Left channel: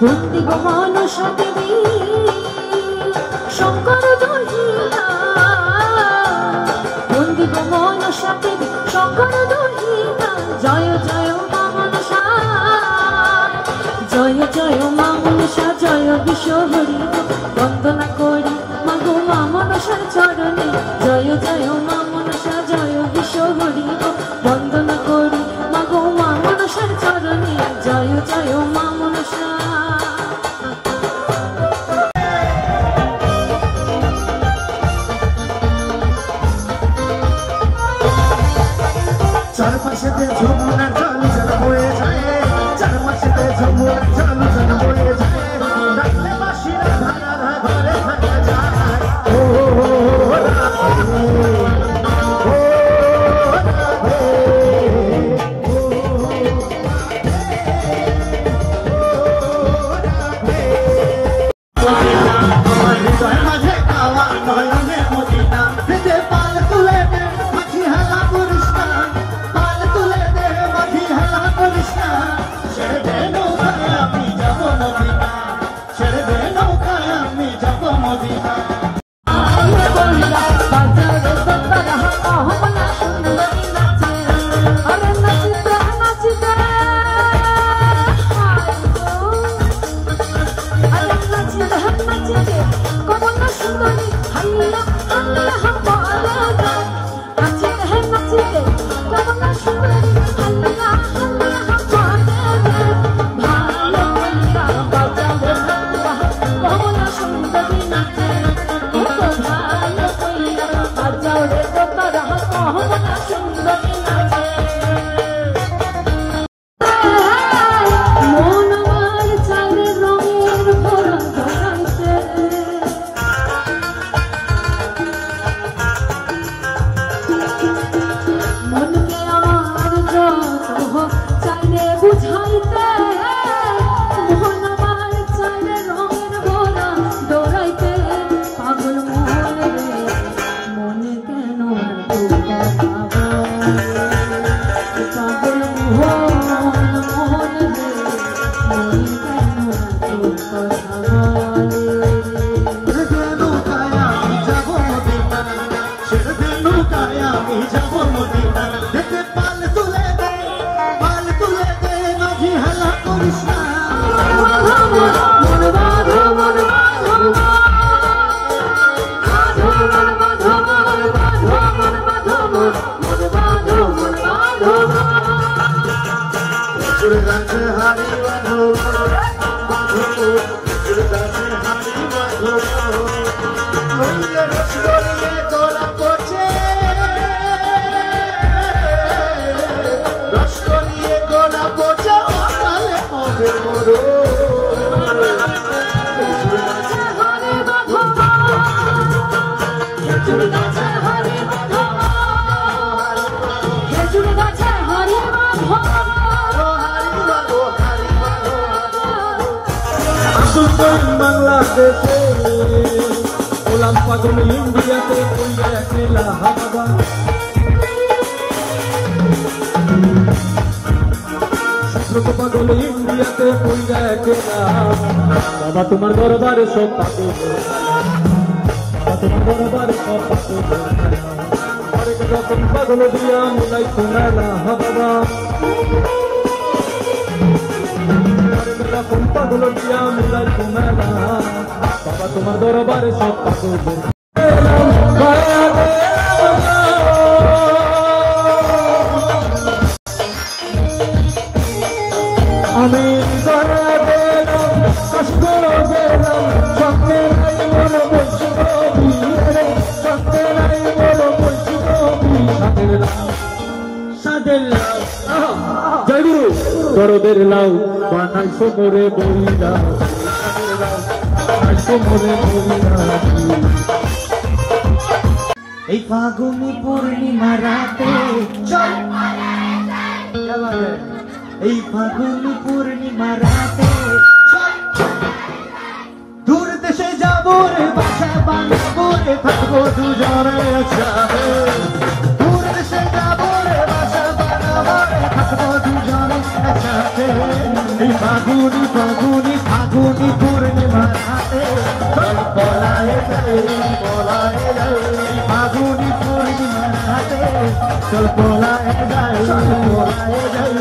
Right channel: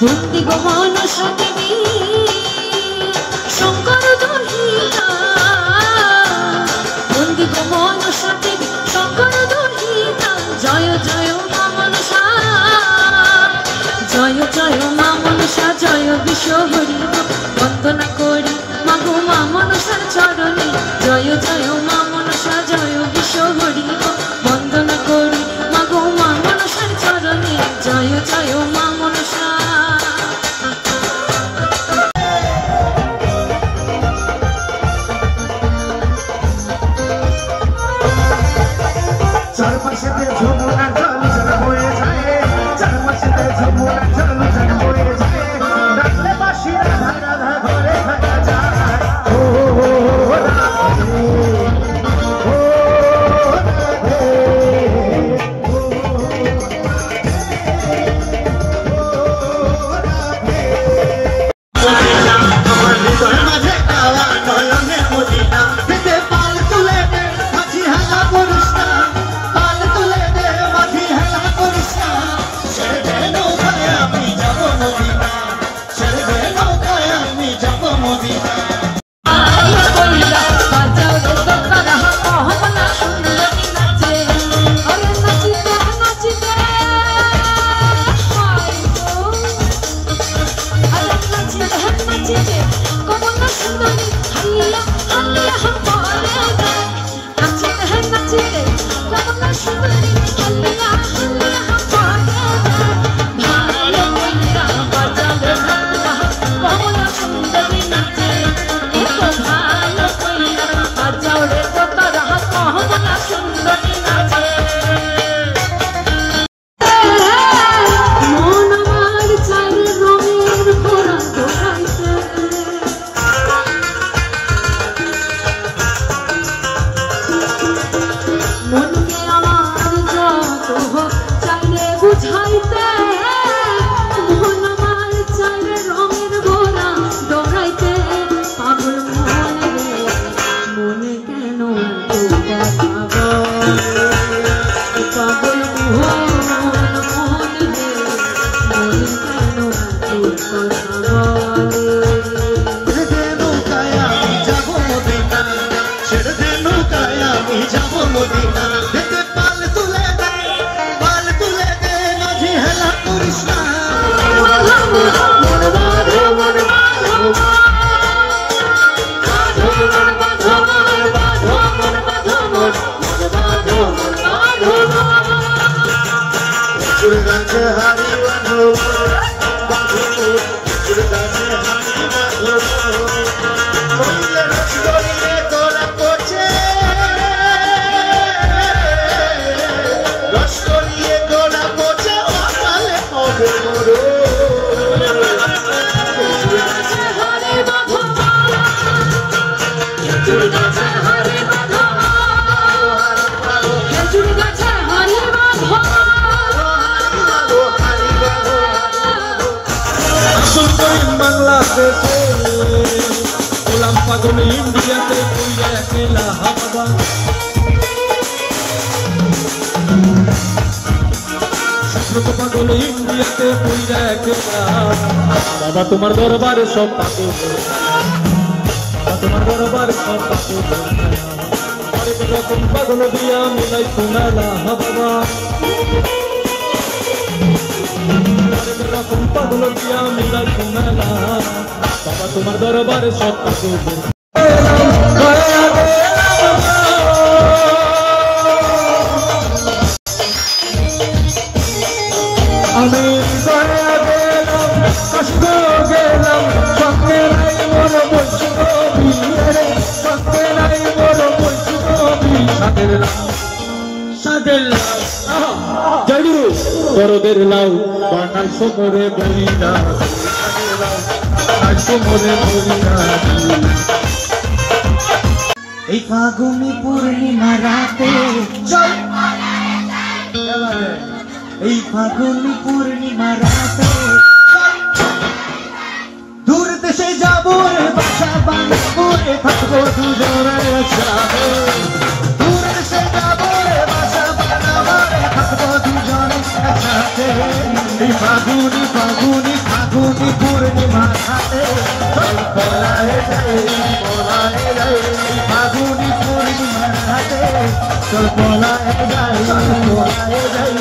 বন্দি গো মনস দেবী শঙ্কর দহিনা, বন্দি গো মনস দেবী শঙ্কর দহিনা। জয় জয় মা মনসা, জয় জয় মা মনসা, জয় বিশ্ব হরি বন্দনা করি মাগো মা মনসার চরণে। জয় জয় মা মনসা, জয় বিশ্ব হরি বন্দনা করি মাগো মা মনসার চরণে। জয় জয় মা মনসা। চারপাশেতে যমুনা জল জল বয়ে যায়, চারপাশেতে যমুনা জল জল বয়ে যায়, ডাকলে বাঁশির ধারা ঘরে থাকা যায়। ও রাধে, ও রাধে, ও রাধে। তোমার হৃদয় মাঝে কাওয়া নয়নে মদিনা, পেটে পাল তুলে দে মাঝি হালা করিস না, পাল তুলে দে মাঝি হালা করিস না। ছেড়ে দে নৌকায় আমি যাব মদিনা, ছেড়ে দে নৌকায় আমি যাব মদিনা। বাংলাদেশে গোলাম পাগল ইন্ডিয়াতে একলা হাবা, পাগল ইন্ডিয়াতে একলা। বাবা তোমার দরবারে সব পাগল, বাবা তোমার দরবারে সব পাগল, আরেক রকম পাগল দিয়া মিলাই শোনালা বাবা, আরেক রকম পাগল দিয়া মিলাই শোনালা বাবা তোমার দরবারে সব পাগল। আমি কষ্ট গেলাম সঙ্গে নাই মন বলছি রে, সঙ্গে নাই মন বলছি সাদের জয়গুরু বড়দের লাউ বানাইছো করে বলিনা, এই ফাগুনি পূর্ণিমা রাতে, এই ফাগুনি পূর্ণিমা রাতে দূর দেশে যাবো রে বাসা বাঁধবো রে, থাকবো দুজনে একসাথে। দূর দেশে যাবো রে বাসা বাঁধবো রে, থাকবো দুজনে একসাথে। রাতে ফাগুনি ফাগুনি ফাগুনি পূর্ণিমা রাতে চল পলায়ে যাই পলায়ে যাই ফাগুনি পূর্ণিমা রাতে চল পলায়ে যাই পলায়ে যাই